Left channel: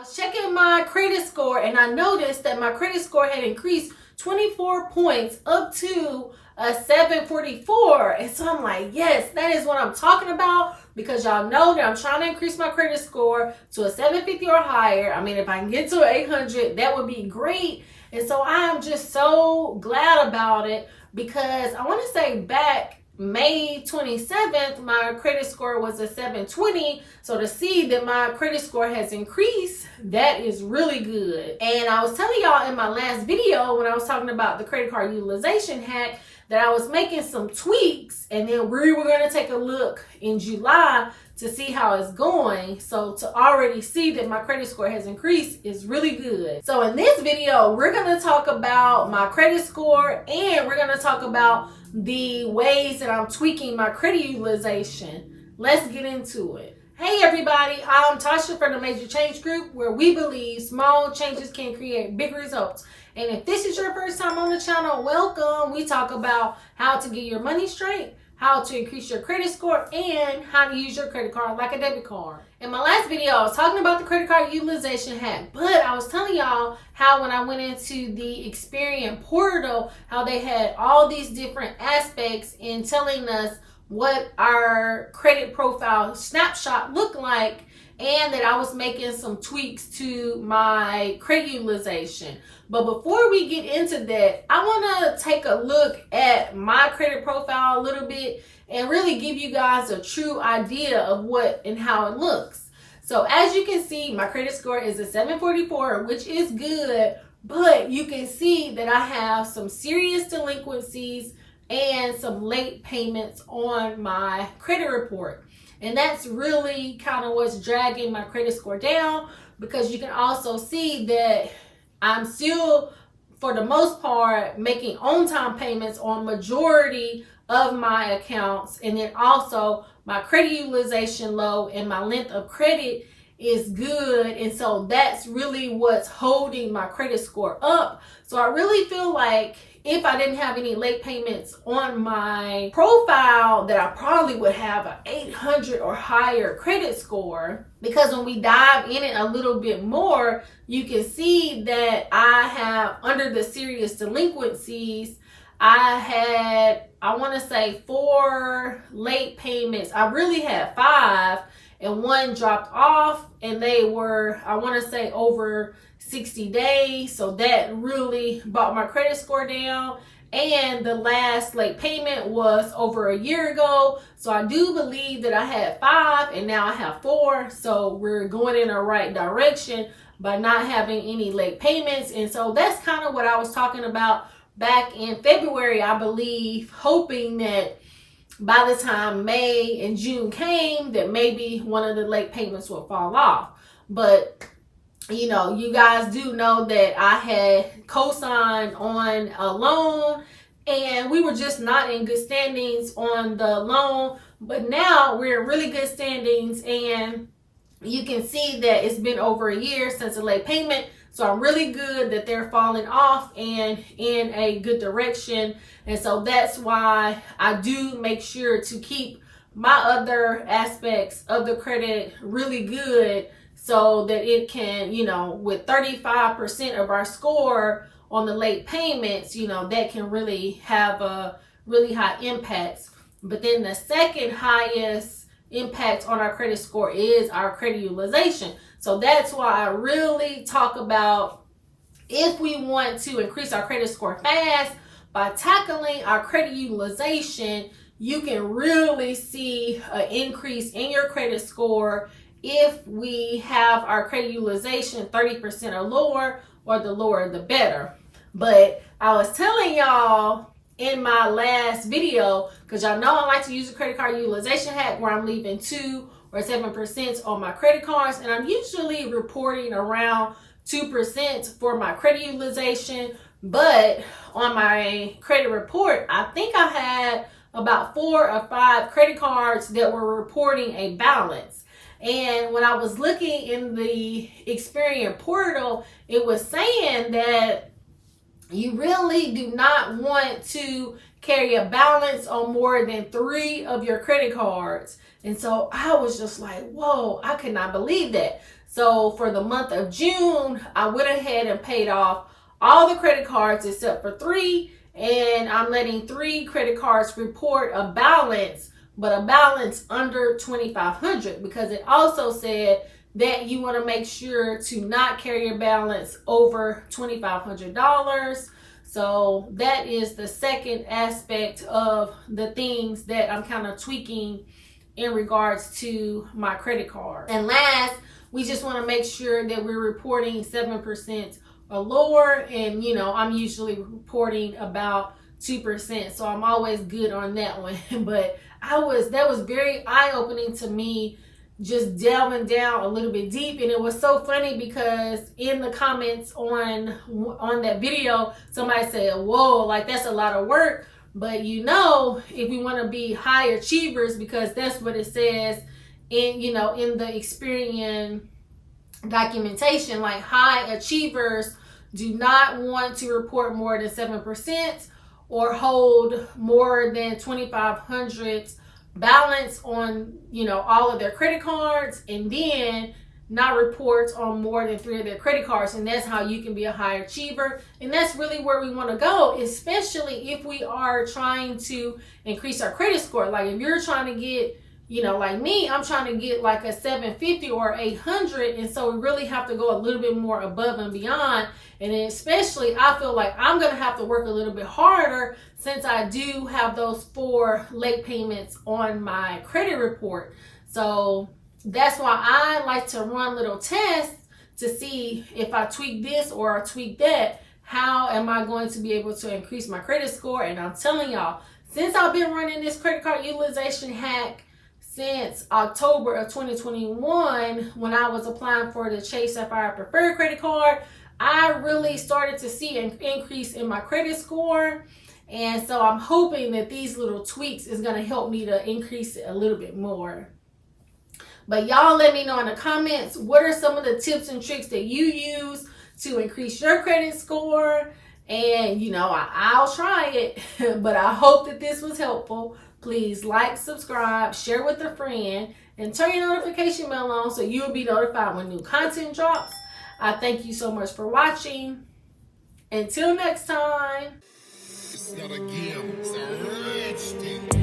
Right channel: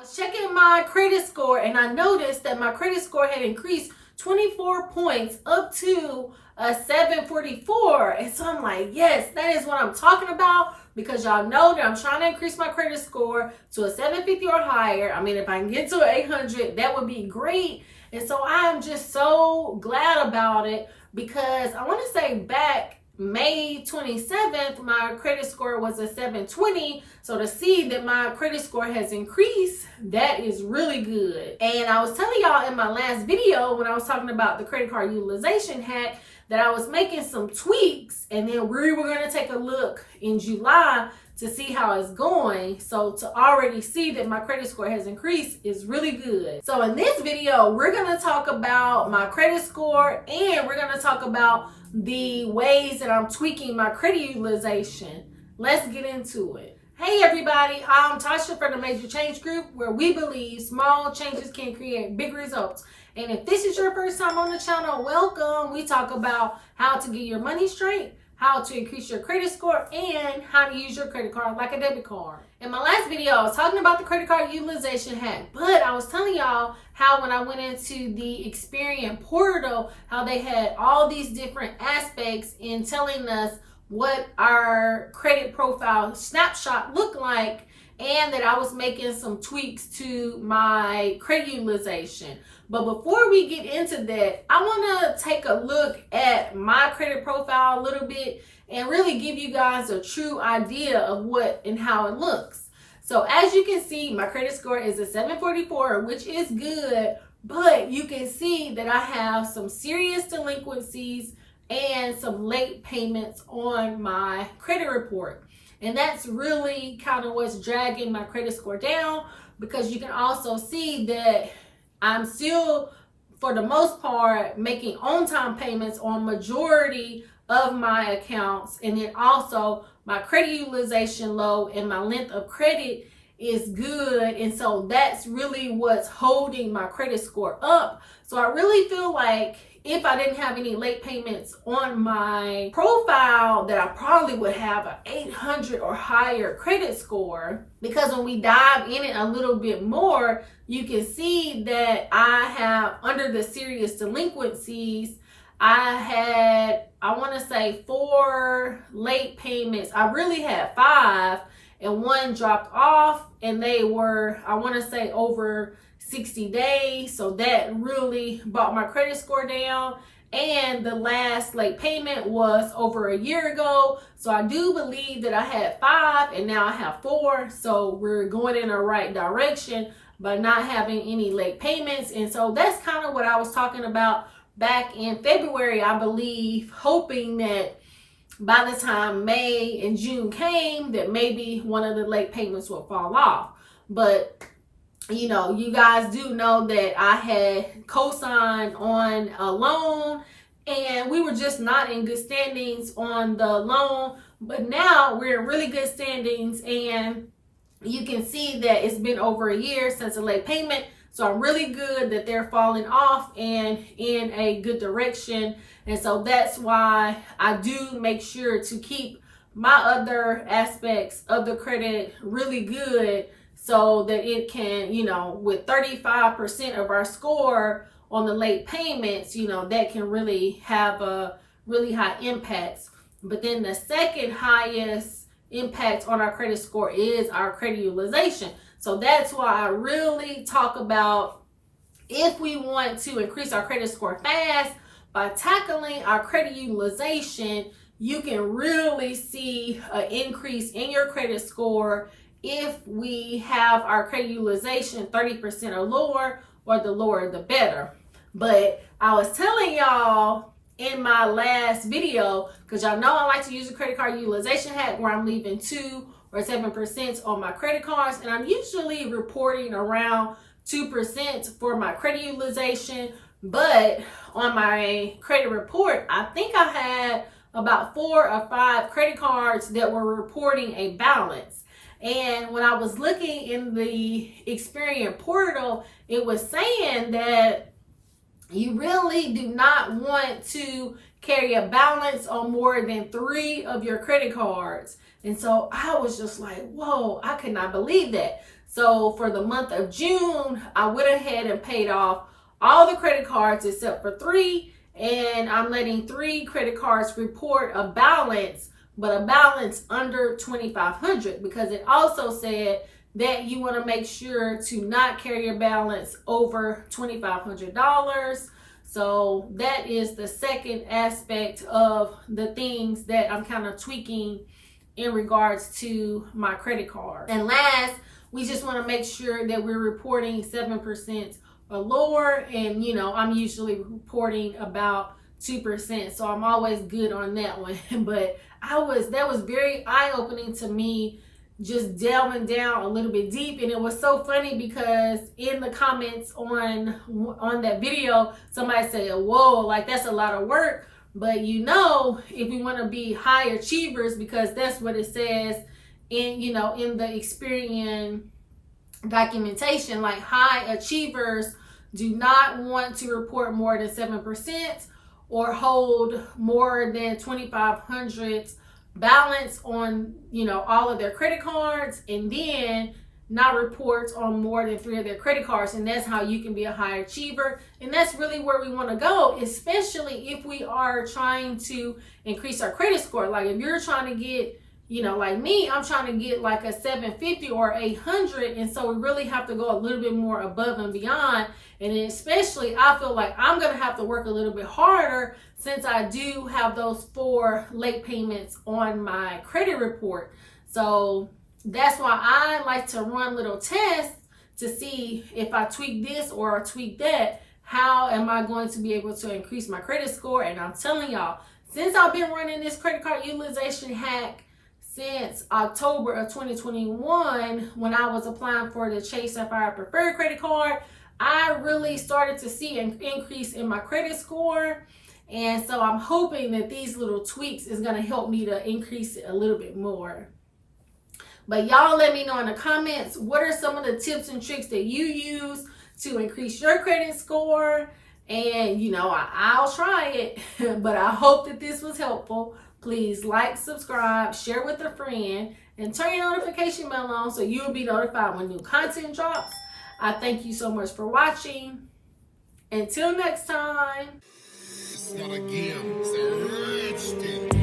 was checking my credit score and I noticed that my credit score had increased 24 points up to a 744. And so I'm like, yes, that is what I'm talking about, because y'all know that I'm trying to increase my credit score to a 750 or higher. I mean, if I can get to an 800, that would be great. And so I am just so glad about it, because I want to say back May 27th, my credit score was a 720. So to see that my credit score has increased, that is really good. And I was telling y'all in my last video when I was talking about the credit card utilization hack that I was making some tweaks, and then we were going to take a look in July to see how it's going. So to already see that my credit score has increased is really good. So in this video, we're going to talk about my credit score, and we're going to talk about the ways that I'm tweaking my credit utilization. Let's get into it. Hey everybody, I'm Tasha from the Major Change Group, where we believe small changes can create big results. And if this is your first time on the channel, welcome. We talk about how to get your money straight, how to increase your credit score, and how to use your credit card like a debit card. In my last video, I was talking about the credit card utilization hack, but I was telling y'all how when I went into the Experian portal, how they had all these different aspects in telling us what our credit profile snapshot looked like, and that I was making some tweaks to my credit utilization. But before we get into that, I want to take a look at my credit profile a little bit and really give you guys a true idea of what and how it looks. So as you can see, my credit score is a 744, which is good, but you can see that I have some serious delinquencies and some late payments on my credit report. And that's really kind of what's dragging my credit score down, because you can also see that I'm still, for the most part, making on-time payments on majority of my accounts. And then also my credit utilization low and my length of credit is good. And so that's really what's holding my credit score up. So I really feel like if I didn't have any late payments on my profile, that I probably would have an 800 or higher credit score. Because when we dive in it a little bit more, you can see that I have, under the serious delinquencies, I had, I want to say 4 late payments. I really had 5, and 1 dropped off, and they were, I want to say, over 60 days. So that really brought my credit score down. And the last late payment was over a year ago. So I do believe that I had 5 and now I have 4. So we're going in the right direction by not having any late payments. And so that's kind of what I was talking about back in February, I believe, hoping that by the time May and June came, that maybe one of the late payments will fall off. But you know, you guys do know that I had co-signed on a loan, and we were just not in good standings on the loan. But now we're in really good standings, and you can see that it's been over a year since a late payment. So I'm really good that they're falling off and in a good direction. And so that's why I do make sure to keep my other aspects of the credit really good, so that it can, you know, with 35% of our score on the late payments, you know, that can really have a really high impact. But then the second highest impact on our credit score is our credit utilization. So that's why I really talk about, if we want to increase our credit score fast by tackling our credit utilization, you can really see an increase in your credit score if we have our credit utilization 30% or lower, or the lower the better. But I was telling y'all in my last video, because y'all know I like to use the credit card utilization hack, where I'm leaving 2 or 7% on my credit cards, and I'm usually reporting around 2% for my credit utilization. But on my credit report, I think I had about 4 or 5 credit cards that were reporting a balance. And when I was looking in the Experian portal, it was saying that you really do not want to carry a balance on more than 3 of your credit cards. And so I was just like, whoa, I could not believe that. So for the month of June, I went ahead and paid off all the credit cards except for 3, and I'm letting 3 credit cards report a balance, but a balance under $2,500, because it also said that you want to make sure to not carry your balance over $2,500. So that is the second aspect of the things that I'm kind of tweaking in regards to my credit card. And last, we just want to make sure that we're reporting 7% or lower, and I'm usually reporting about 2%, so I'm always good on that one. But that was very eye-opening to me, just delving down a little bit deep. And it was so funny because in the comments on that video, somebody said, whoa, like that's a lot of work. But if we want to be high achievers, because that's what it says in the Experian documentation, like high achievers do not want to report more than 7% or hold more than $2,500 balance on all of their credit cards, and then not report on more than 3 of their credit cards. And that's how you can be a high achiever. And that's really where we want to go, especially if we are trying to increase our credit score. Like if you're trying to get, like me, I'm trying to get like a 750 or 800. And so we really have to go a little bit more above and beyond. And especially, I feel like I'm going to have to work a little bit harder, since I do have those 4 late payments on my credit report. So that's why I like to run little tests to see if I tweak this or I tweak that, how am I going to be able to increase my credit score. And I'm telling y'all, since I've been running this credit card utilization hack since October of 2021, when I was applying for the Chase Sapphire Preferred credit card, I really started to see an increase in my credit score. And so I'm hoping that these little tweaks is going to help me to increase it a little bit more. But y'all let me know in the comments, what are some of the tips and tricks that you use to increase your credit score? And I'll try it, but I hope that this was helpful. Please like, subscribe, share with a friend, and turn your notification bell on so you'll be notified when new content drops. I thank you so much for watching. Until next time. It's not a game, it's a rich thing.